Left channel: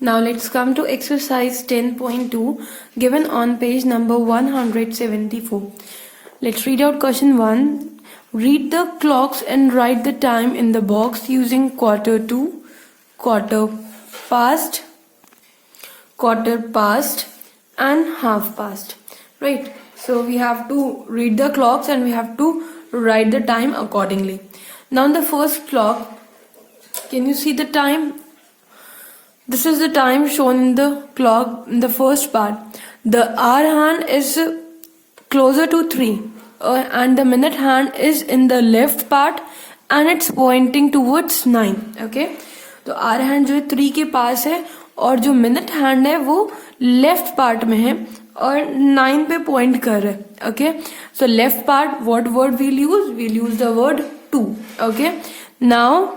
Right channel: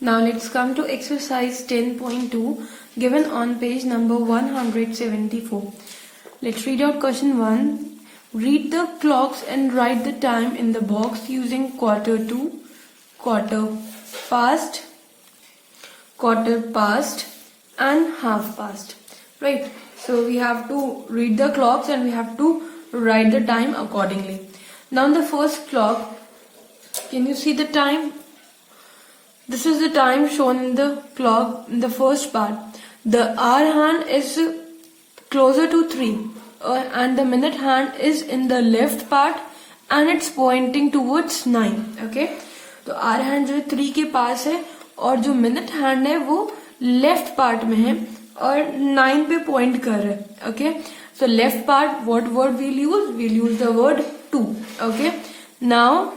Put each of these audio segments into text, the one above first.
Now let's come to exercise 10.2 given on page number 174. Let's read out question 1. Read the clocks and write the time in the box using quarter to, quarter past and half past. Right. So we have to read the clocks and we have to write the time accordingly. Now in the first clock, can you see the time? This is the time shown in the clock in the first part. The hour hand is closer to 3 and the minute hand is in the left part and it's pointing towards 9. Okay, तो hour hand जो है 3 के पास है और जो minute hand है वो left part में है और 9 पे point कर रहा है. Okay, so left part, what word we'll use? We'll use the word 2. Okay, now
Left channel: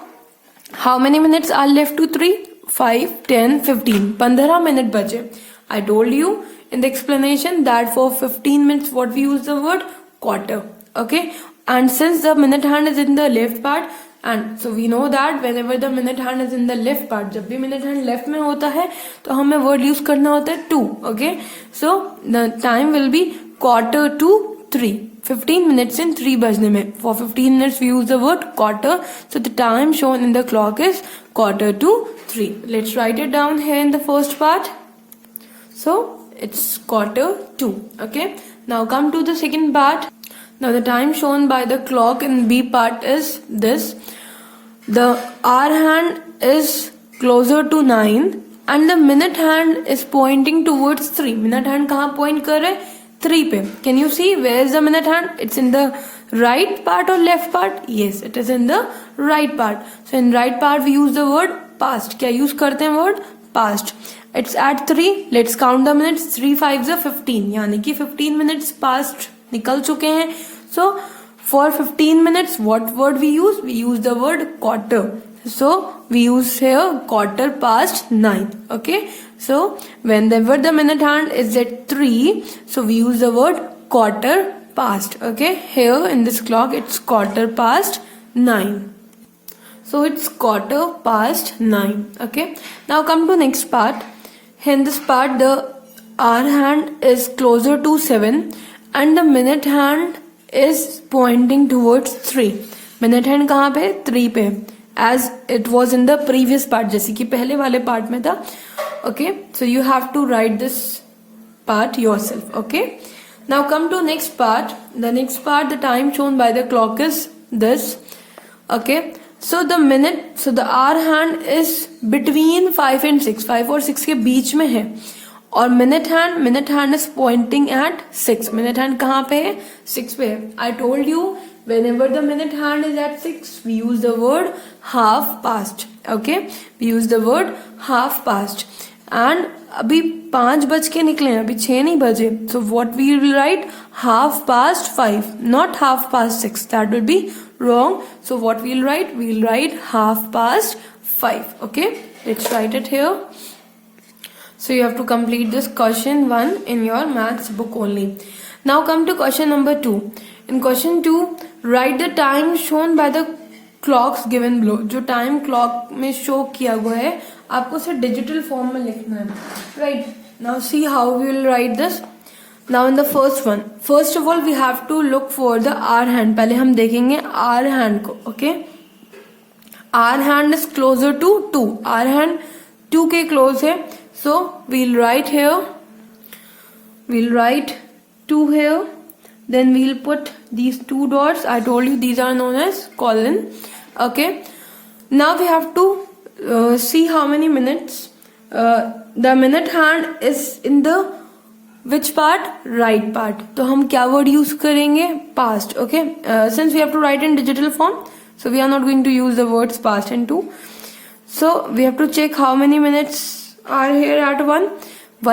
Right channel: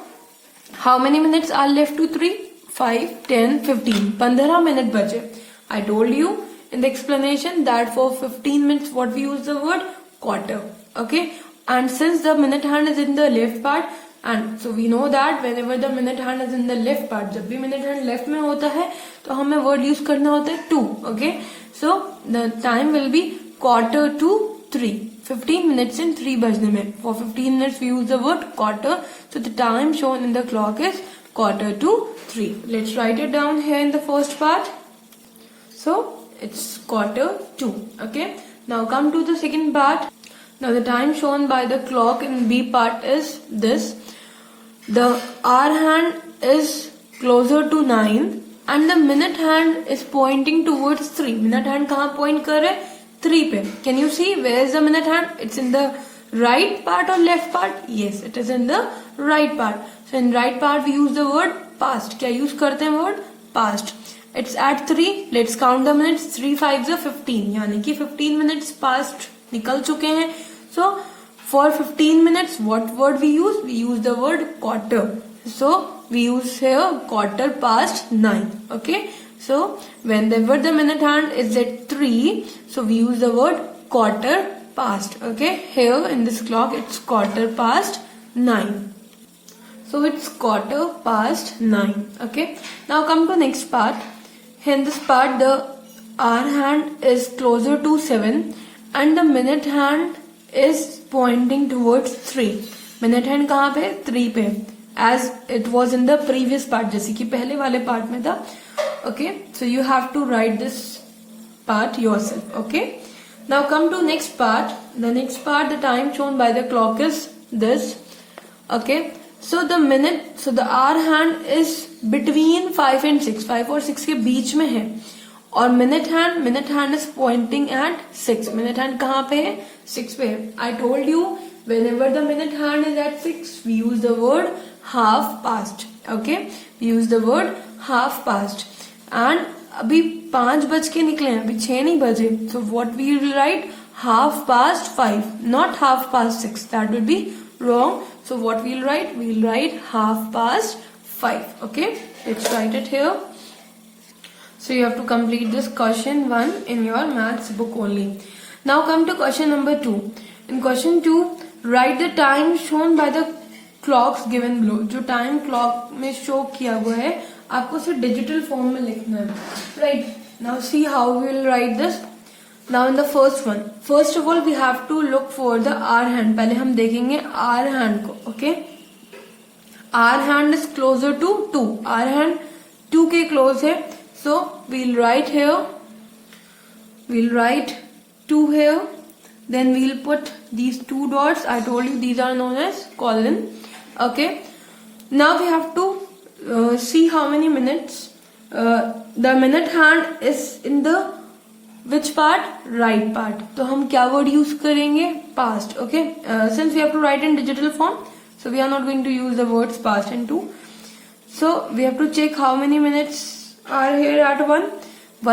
how many minutes are left to 3? 5, 10, 15. 15 minutes बचे. I told you in the explanation that for 15 minutes what we use the word quarter. Okay, and since the minute hand is in the left part, and so we know that whenever the minute hand is in the left part, जब भी minute hand left में होता है तो हमें word use करना होता है 2. Okay, so the time will be quarter to 3. 15 minutes in 3 बजने में. For 15 minutes we use the word quarter. So the time shown in the clock is quarter to 3. Let's write it down here in the first part. So it's quarter to. Okay. Now come to the second part. Now the time shown by the clock in B part is this. The hour hand is closer to 9 and the minute hand is pointing towards 3. Minute hand कहाँ point कर रहे हैं? 3 पे. Can you see where is the minute hand? It's in the right part or left part? Yes, it is in the right part. So in right part we use the word past. क्या use करते हैं word? Past. It's at 3. Let's count the minutes. 3 5s are 15. यानी कि 15 minutes past निकल चुके हैं. So for 15 minutes what word we use? We use the word quarter. So we use here quarter past 9. Okay. So whenever the minute hand is at 3, so we use the word quarter past. Okay, here in this clock it's quarter past 9. So it's quarter past 9. Okay, now come to next part. Here in this part the hour hand is closer to 7 and the minute hand is pointing towards 3. Minute hand कहाँ पे? 3 पे. As it was in the previous part, जैसे कि पहले वाले part में था. Okay, so you have to write this part yourself. Okay, now come to next part. The next part, the time shown by the clock is this. Okay, so the hour hand is between 5 and 6. 5 और 6 के बीच में है और minute hand is pointing at 6. Minute hand कहाँ पे है? 6 पे है. I told you whenever the minute hand is at 6 we use the word half past. Okay, we use the word half past. And अभी 5 बज के निकले हैं, अभी 6 नहीं बजे. So what we will write? Half past 5, not half past 6. That would be wrong. So what we'll write? We'll write half past 5. Okay, let's write it here. So you have to complete this question 1 in your maths book only. Now come to question number 2. In question 2, write the time shown by the clocks given below. जो time clock में show किया हुआ है आपको उसे digital form में लिखना है. Right, now see how we will write this. Now in the first one, first of all we have to look for the hour hand. पहले हम देखेंगे आवर हैंड को. Okay, hour hand is closer to 2. Hour hand 2 के close है. So we'll write here, we'll write 2 here, then we'll put these 2 dots. I told you these are known as colon. Okay, now we have to see how many minutes. The minute hand is in the which part? Right part. तो हम क्या word use करेंगे? Past. Okay, since we have to write in digital form, so we are not going to use the words past and 2. So we have to check how many minutes are here at 1.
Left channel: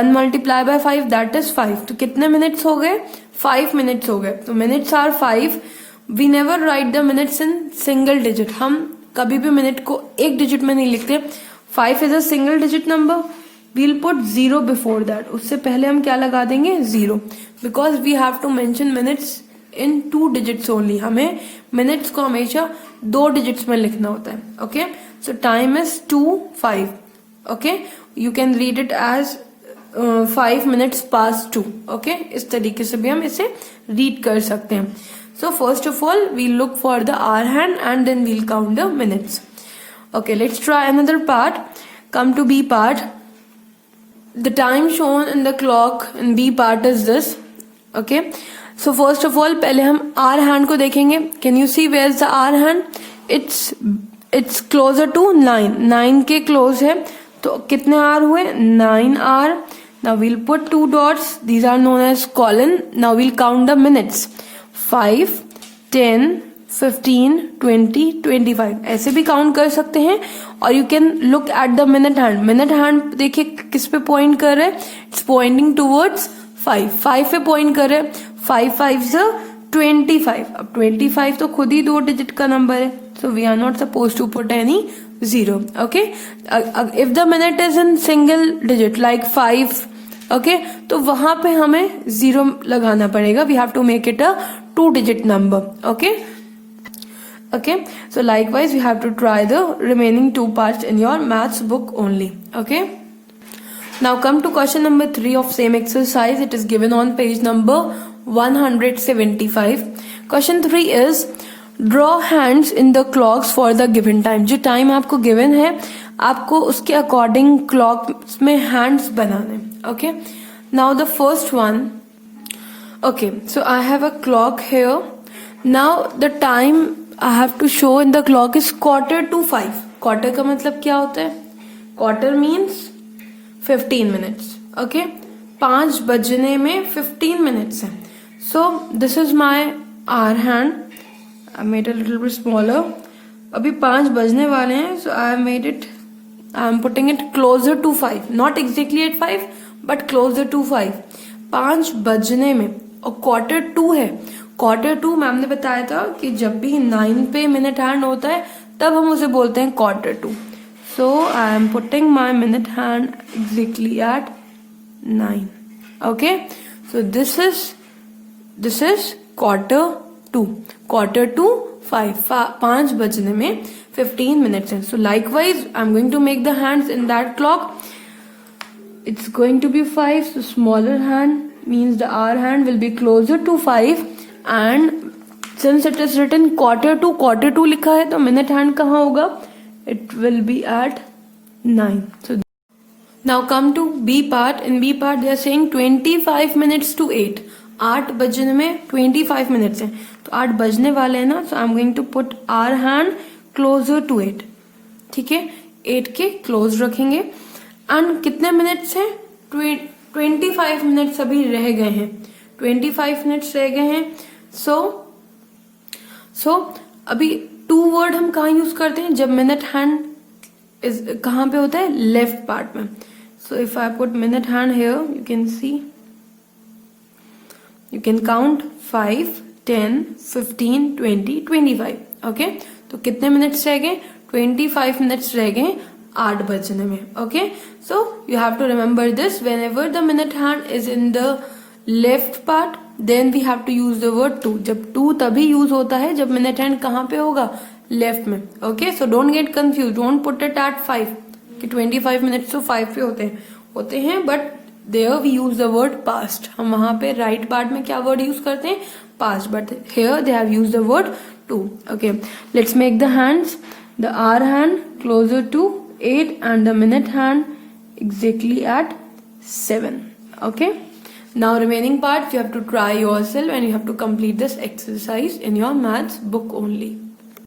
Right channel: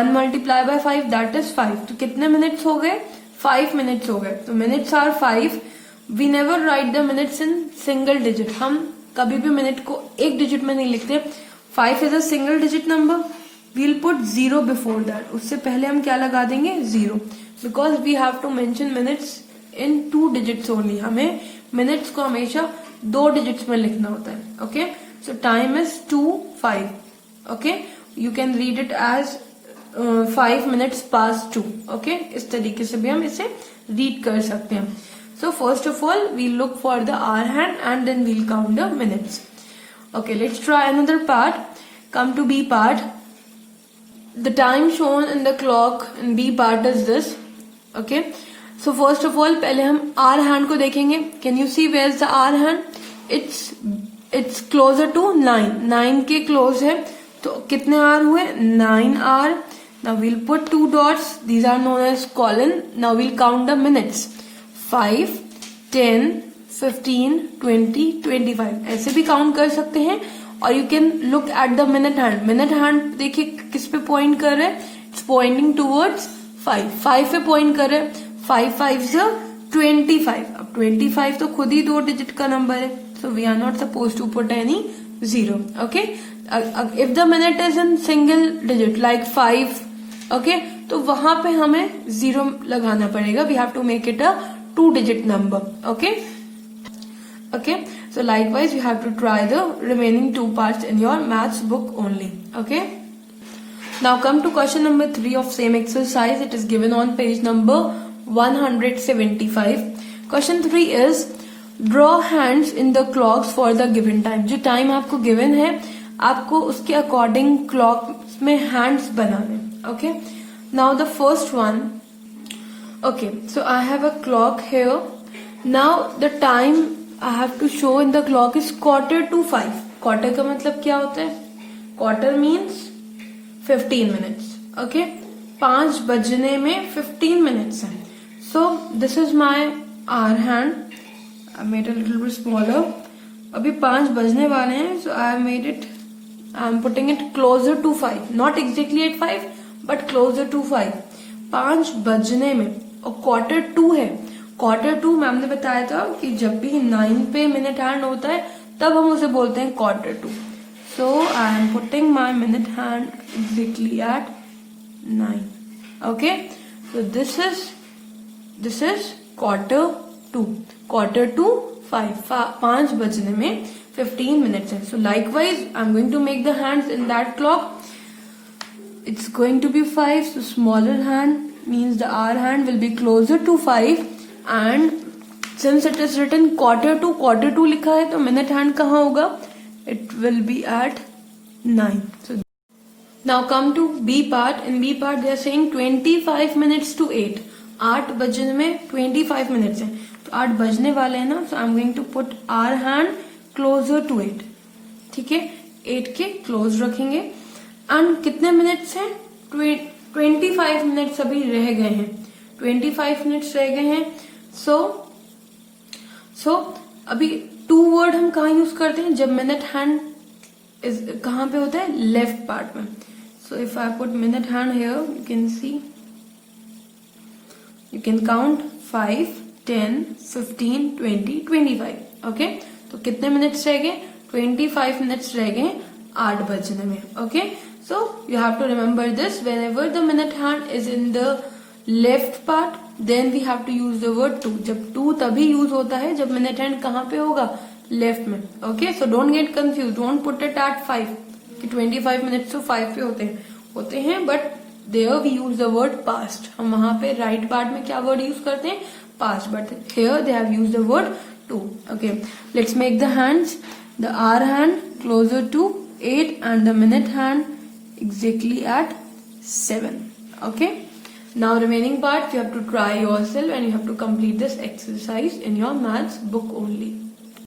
1 multiplied by 5, that is 5. तो कितने minutes हो गए? 5 minutes हो गए. तो minutes are 5. We never write the minutes in single digit. हम कभी भी मिनट को एक डिजिट में नहीं लिखते. 5 is a single digit number. We'll put 0 before that. उससे पहले हम क्या लगा देंगे? 0. Because we have to mention minutes in 2 digits only. हमें minutes को हमेशा 2 digits में लिखना होता है. Okay, so time is 2 5. Okay, you can read it as 5 minutes past 2. Okay, इस तरीके से भी हम इसे रीड कर सकते हैं. So first of all, we'll look for the hour hand and then we'll count the minutes. Okay, let's try another part. Come to B part. The time shown in the clock in B part is this. Okay, so first of all पहले हम hour hand को देखेंगे. Can you see where's the hour hand? It's closer to 9. 9 के close है, तो कितने hour हुए? 9 hour. Now we'll put 2 dots. These are known as colon. Now we'll count the minutes. 5, 10, 15, 20, 25 ऐसे भी काउंट कर सकते हैं. और you can look at the minute hand. Minute hand देखिए किस पे पॉइंट कर रहे हैं. It's pointing towards 5. 5 पे पॉइंट कर रहे हैं. 5 5 25. अब 25 तो खुद ही 2 डिजिट का नंबर है, so we are not suppose to put any 0. Okay, if the minute is in single digit like 5, okay, तो वहां पे हमें 0 लगाना पड़ेगा. We have to make it a 2 digit number. Okay, so likewise you have to try the remaining 2 parts in your maths book only. Okay, now come to question number 3 of same exercise. It is given on page number 175. Question 3 is draw hands in the clocks for the given time. जो time आपको given है, आपको उसके according clock में hands बनाने. Okay, now the first one. Okay, so I have a clock here. Now the time I have to show in the clock is 4:45. Quarter का मतलब क्या होता है? Quarter means 15 minutes. Okay, 5 बजने में 15 minutes है. So this is my hour hand. I made a little bit smaller. अभी 5 बजने वाले हैं, so I am putting it closer to 5. Not exactly at 5, but closer to 5. 5 बजने में. और Q2 है. Q2 मैम ने बताया था कि जब भी 9 पे मिनट हैंड होता है तब हम उसे बोलते हैं Q2. So I am putting my minute hand exactly at 9. Okay, so this is Q2. Q2 5 बजने में 15 minutes है. So likewise I am going to make the hands in that clock. It's going to be 5, so smaller hand means the hour hand will be closer to 5, and since it is written Q2 लिखा है तो minute hand कहाँ होगा? It will be at 9. So now come to B part. In B part they are saying 25 minutes to 8. 8 बजने में 25 minutes है, तो 8 बजने वाले हैं ना, so I'm going to put hour hand closer to 8. ठीक है, 8 के close रखेंगे. एंड कितने मिनट्स हैं? 25 मिनट्स अभी रह गए हैं. 25 मिनट्स रह गए हैं. सो अभी 2 वर्ड हम कहाँ यूज करते हैं? जब मिनट हैंड कहाँ पे होता है? लेफ्ट पार्ट में. So if I put minute hand here, you can see, you can count 5, 10, 15, 20, 25. Okay, तो कितने मिनट्स रह गए? 25 मिनट्स रह गए 8 बजने में. Okay, so you have to remember this. Whenever the minute hand is in the left part, then we have to use the word to. जब to तभी यूज होता है जब minute hand कहाँ पे होगा? लेफ्ट में. Okay, so don't get confused. Don't put it at 5 कि 25 minutes तो 5 पे होते हैं but there we use the word past. हम वहां पे right part में क्या word यूज करते हैं? Past. But here they have used the word to. Okay, let's make the hands. The hour hand closer to 8 and the minute hand exactly at 7. Okay, now remaining part you have to try yourself and you have to complete this exercise in your maths book only.